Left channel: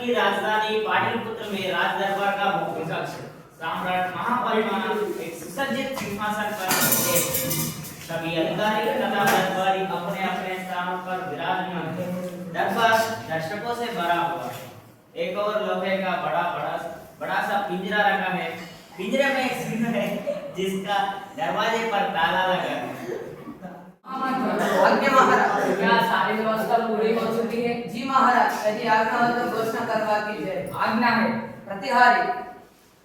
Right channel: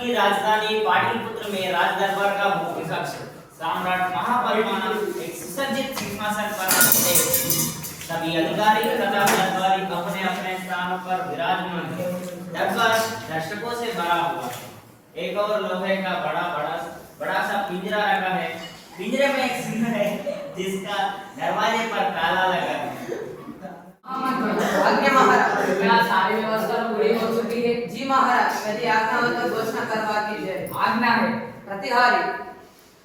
की राजधानी पाटलिपुत्र में राज दरबार का विपक्ष सम्राट महापरिमा एक सुसज्जित सिंहासन पर बैठे। सभी अधिकारी तथा दरबारी अपने अपने स्थानों पर विराजमान थे। दरबार दर्शकों से भरा हुआ है। एक और लोहे का बड़ा सा पिंजरा रखा है। पिंजरे में एक सिंह है जिसका दरवाजे पर ताला लगा है। आज्ञा महाराज, क्या सारी व्यवस्था पूरी हो चुकी है? जी महाराज, यदि आज्ञा हो तो घोषणा करवा कीजिए। आज्ञा है। प्रतिहारी।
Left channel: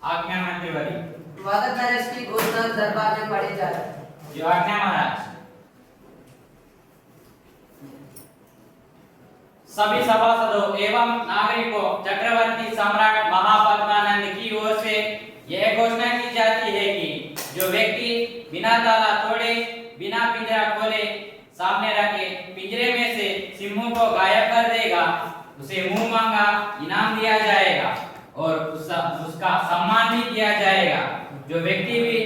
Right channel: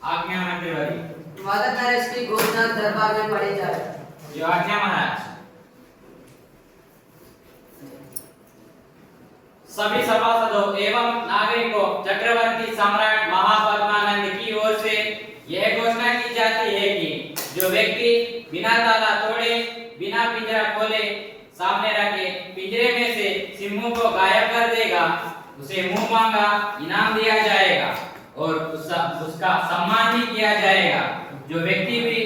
आज्ञा प्रतिहारी। वादक नरेश की घोषणा दरबार में पढ़ी जाए। जो आज्ञा महाराज। सभी सभासदों एवं नागरिकों, चक्रवर्ती सम्राट महापद्मानंद की ओर से यह घोषणा की जाती है कि जो व्यक्ति बिना ताला तोड़े, बिना पिंजरा खोले, सामने रखे पिंजरे में से सिंहों को गायब कर देगा, उसे मुंह मांगा इनाम दिया जाएगा और उसका सम्मान भी किया जाएगा। जो व्यक्ति भी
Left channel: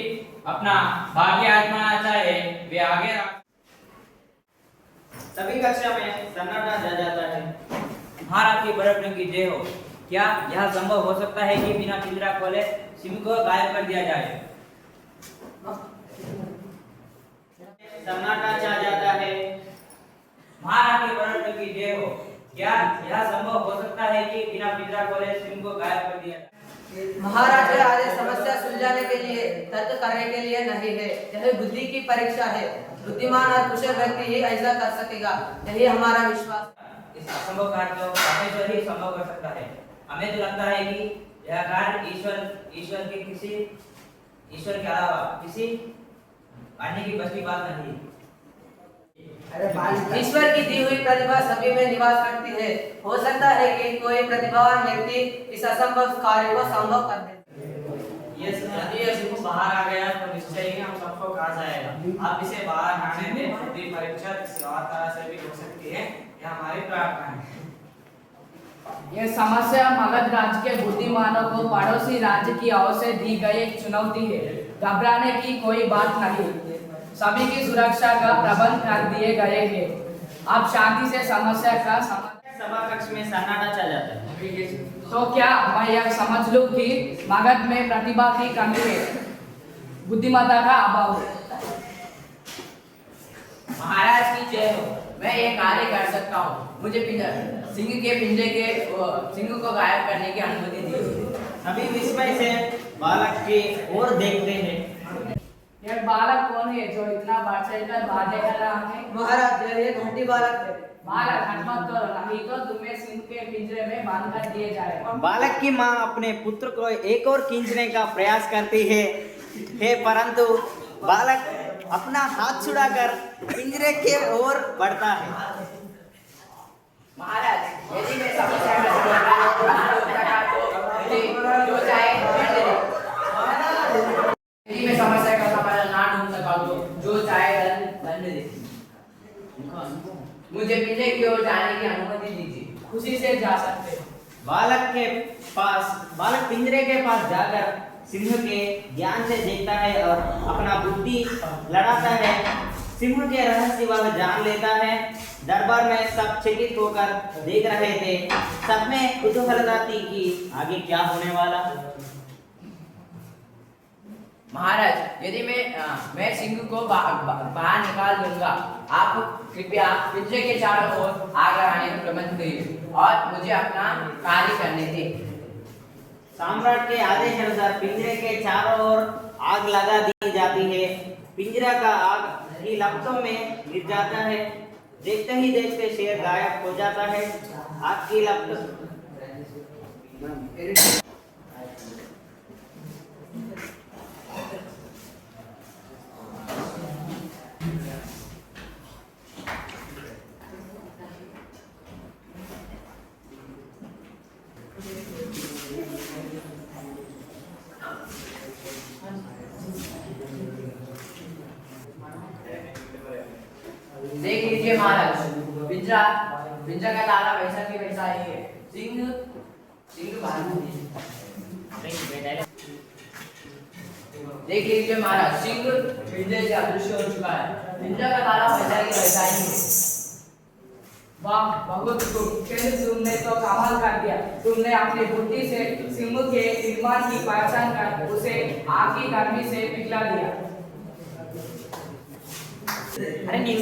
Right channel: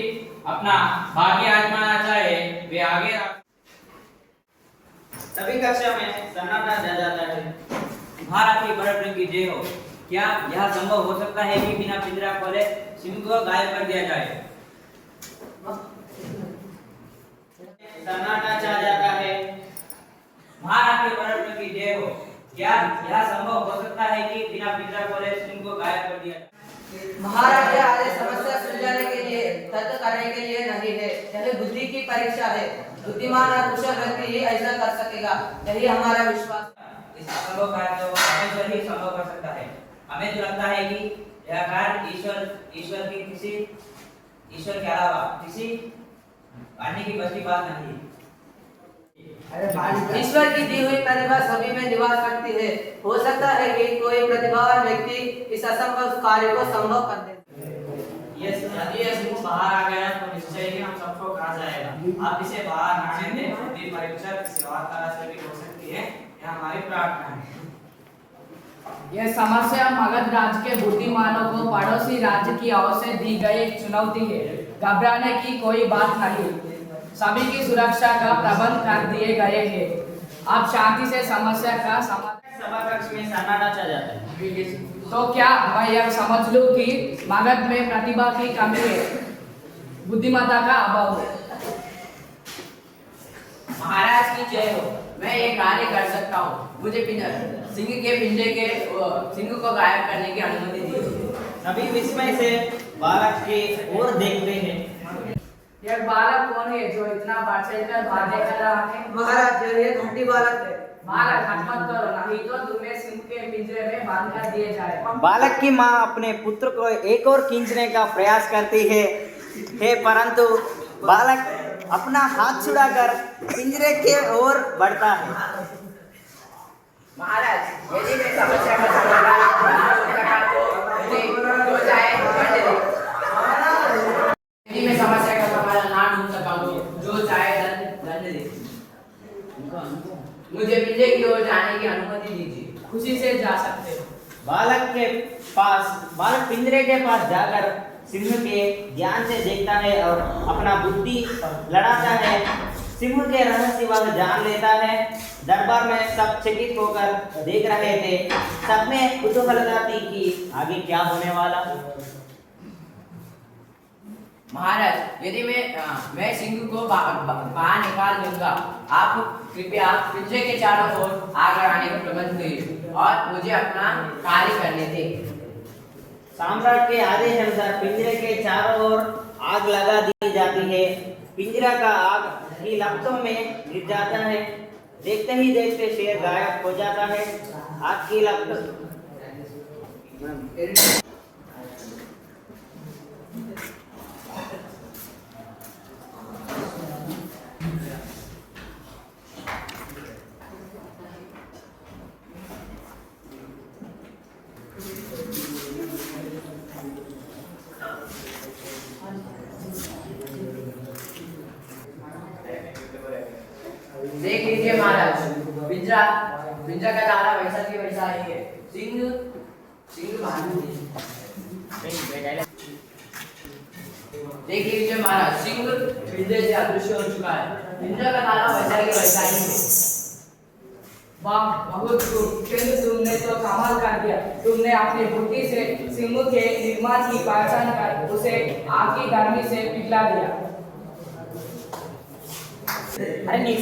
अपना भाग्य आजमाना चाहे वे आगे सभी कक्षा में सन्नाटा जल जाता है। भारत की बड़े की जय हो। क्या यह संभव हो सकता है कि बिना पिंजरा खोले सिंह को गायब कर दिया जाए? सन्नाटा छा जाता है। महाराज की बड़े की जय हो। क्या यह संभव हो सकता है कि बिना पिंजरा खोले सिंह को गायब कर दिया जाए? महाराज, यह आदेश समस्या सुलझाने के लिए, तर्क करने के लिए नहीं है। यह बुद्धि की परीक्षा है। बुद्धिमान और कुशल व्यक्ति ही ऐसा कर सकेगा, यही हमारा विश्वास है। इस असंभव कार्य को परमेश्वर ही संभव कर सकता है। हमें तो लगता है कि यह कार्य ईश्वर के अलावा किसी अन्य की बस की बात नहीं। ईश्वर की दी हुई प्रतिभा सभी में निवास करती है। हो सकता है कि कोई प्रतिभावान व्यक्ति इस असंभव कार्य को संभव कर दे। यदि ये सिंह बाहर आ गया तो निश्चय ही हम सबको खा जाएगा। आप इसे बाहर ना आने दें। बुद्धि परीक्षा किसी और तरह से भी हो सकती है, यह हमारी प्रार्थना है। यह समस्या मगध राज्य के बुद्धिमानों को पड़ोसी राज्य की ओर से दी गई एक चुनौती है। घबराने की कोई बात नहीं। सभी की सुरक्षा का प्रबंध कर दिए गए हैं। आप शांति से समस्या का समाधान। सभा कक्ष में सन्नाटा छा जाता है। तो क्या मैं यह समझ लूं कि मगध में प्रतिभा की कमी है, बुद्धिमत्ता का अभाव है? महाराज की जय हो। मैं ये कार्य कर सकता हूँ। मुझे सिंह के पिंजरे के सिंह को गायब करने की अनुमति दीजिए। सभी विस्मय से बालक की ओर देखते हैं। यह बालक कौन है जो इतना बढ़ चढ़कर बातें कर रहा है? महाराज, ये घंटी बालक है। बालक हट मत करो, नहीं तो तुम्हें सिंह के पिंजरे में बांध कर दिए जाएगा। बालक की माँ अपने पुत्र को एक और खींचने का प्रयास करती है, परंतु बालक अपना हाथ छुड़ाकर पिंजरे की ओर बढ़ता है। महाराज, यदि मैं समस्या का समाधान यदि मैं समस्या का समाधान ना ढूंढ सका तो जो चाहे दंड दे। मुझे पिंजरे की ओर जाने की अनुमति दीजिए। खुशी से जा सकते हो। बालक पिंजरे के पास जाकर सिंह के ध्यान से देखता है और अपना बुद्धि लड़ाता है। सिंह के रहस्य वह जान लेता है। दरबार में सब चकित होकर देख रहे थे। सब में कुतूहलता थी कि आगे क्या होने वाला। महाराज, यदि मैं सिंह को बाहर निकाल दूंगा, आप कृपया पिंजरे के चारों ओर आग लगाने का प्रबंध करिए और मुझे अपना कार्य करने दें। सम्राट के आदेश अनुसार पिंजरे के चारों ओर आग लगा दी जाती है। पिंजरा का आग ही लपटों में गिर जाता है। देखते ही देखते शेर गायब हो जाता है। आग की लपटों देख लीजिए महाराज, पिंजरा का ताला वैसा के वैसा ही है। सिंह भालू देख लीजिए महाराज, सिंह पिंजरे से अदृश्य हो चुका है। पिंजरा का ताला वैसा के वैसा ही है। वाह, बहुत खूब। चंद्र, तुमने तो कमाल कर दिया। तुमने अपनी बुद्धि से सिंह के निर्माण की पहचान कर उसे आग की गर्मी से पिघला दिया। अरे नहीं